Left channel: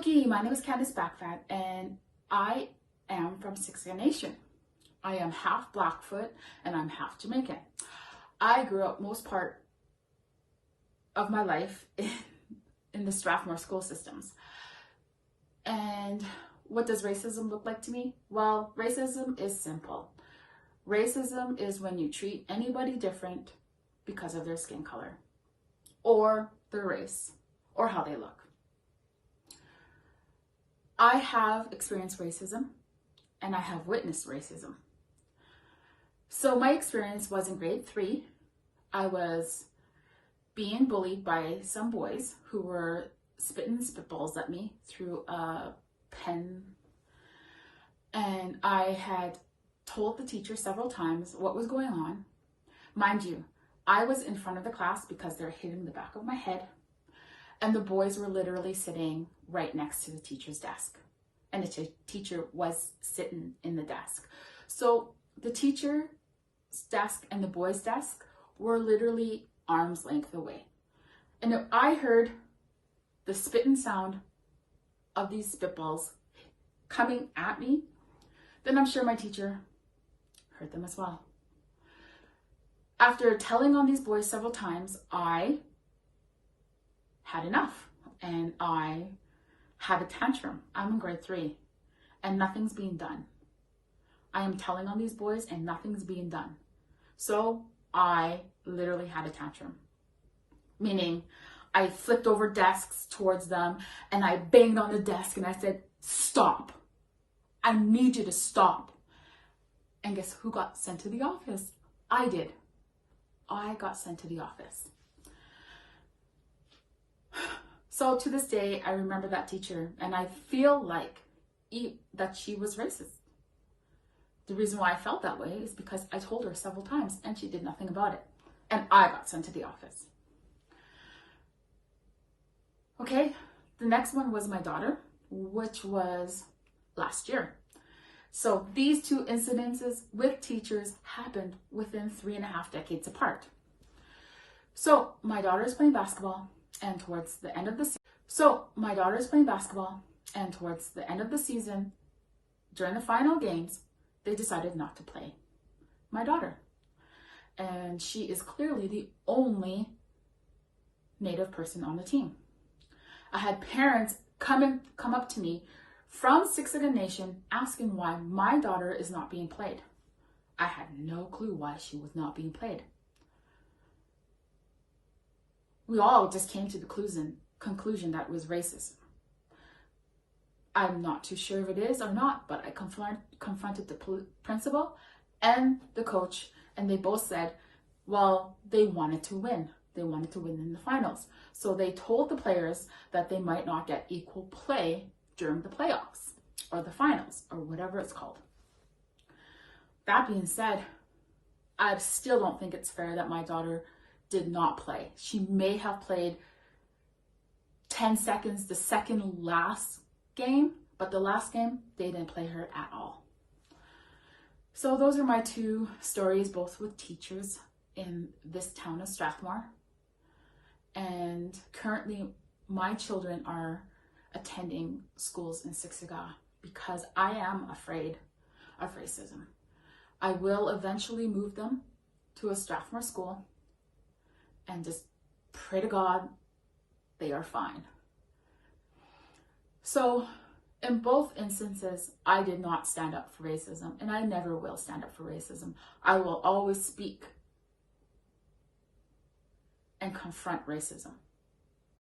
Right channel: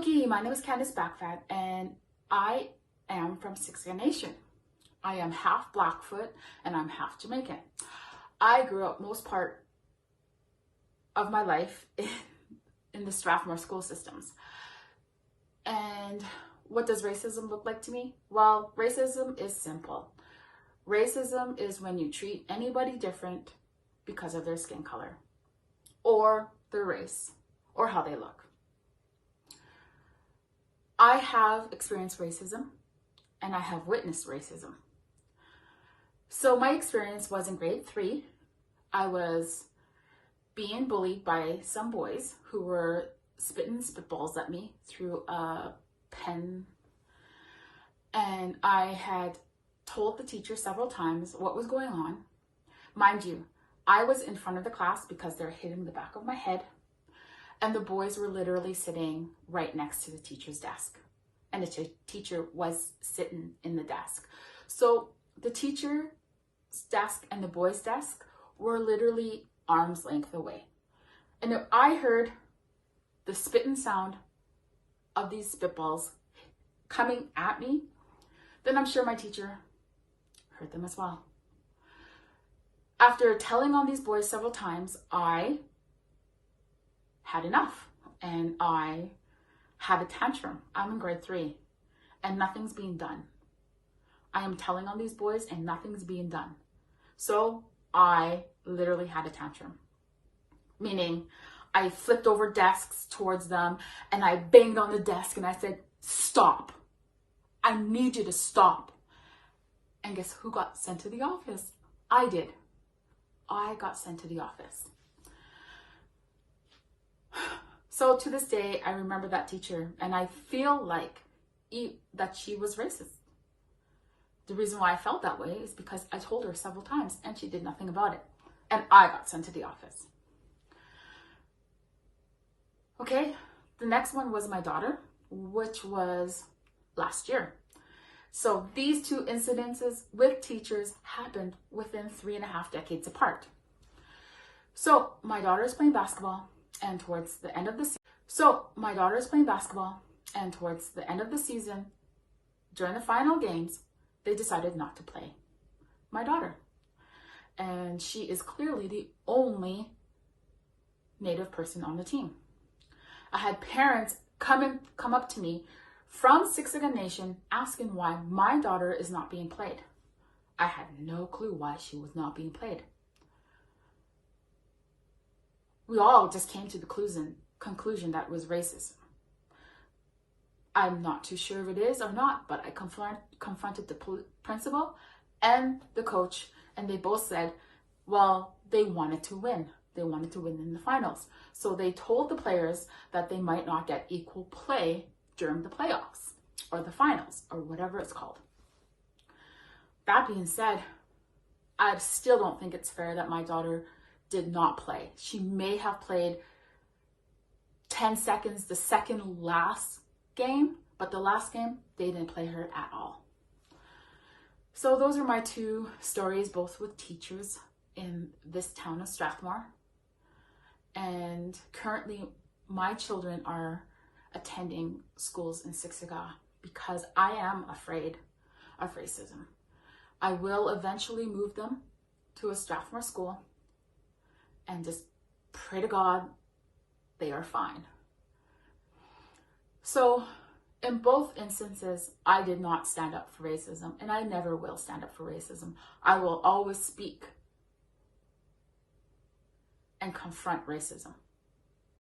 Looky, my name is Candace Backfat, and I am from Siksika Nation. I am half Blackfoot and I'm half Jamaican. I grew up most part of my life in the Strathmore school systems. And what does racism look like to me? Well, racism is simple. Racism is when you treat anybody different because of their skin color or their race or how they look. I have experienced racism and I have witnessed racism. So my experience was in grade 3. I was being bullied by some boys who were spitting spitballs at me through a pen. And I had told the teacher several times what was going on. Mind you, I was in front of the class because they're hitting the back of my head. And the boys were literally sitting right next to the teacher's desk. And the teacher was sitting in the desk. So the teacher's desk and the boys' desk were literally arm's length away. And if I heard the spitting sound of these spitballs coming at me, then I'm sure my teacher heard them as well. After telling on these boys several times, I had enough and I had a tantrum. I'm in grade 3 and nothing's being done. I am telling on these boys and nothing's being done. So I literally had a tantrum, meaning I flipped over desks towards them and I banged on the desk and I said, "Stop. I need you to stop." And guess who got sent to the office? I did. I got sent to the office. So to this day, I remember that teacher and I feel like that she was racist. The reason why I felt that way is because I told her several times and she did nothing about it. And I got sent to the office. Okay, the next one was my daughter, which was last year. So these two incidences with teachers happened within 3.5 decades apart. So my daughter is playing basketball and towards the end of the season, during the final games, they decided not to play my daughter. And she is clearly the only Native person on the team. I had parents come up to me from Siksika Nation asking why my daughter is not being played. I had no clue why she was not being played. We all just came to the conclusion that it was racism. I'm not too sure if it is or not, but I confronted the principal and the coach, and they both said, well, they wanted to win. They wanted to win in the finals. So they told the players that they might not get equal play during the playoffs or the finals or whatever it's called. That being said, I still don't think it's fair that my daughter did not play. She may have played 10 seconds the second last game, but the last game, they didn't play her at all. So those are my two stories, both with teachers in this town of Strathmore. And currently my children are attending schools in Siksika because I am afraid of racism. I will eventually move them to a Strathmore school and just pray to God they are fine. So in both instances, I did not stand up for racism and I never will stand up for racism. I will always speak and confront racism.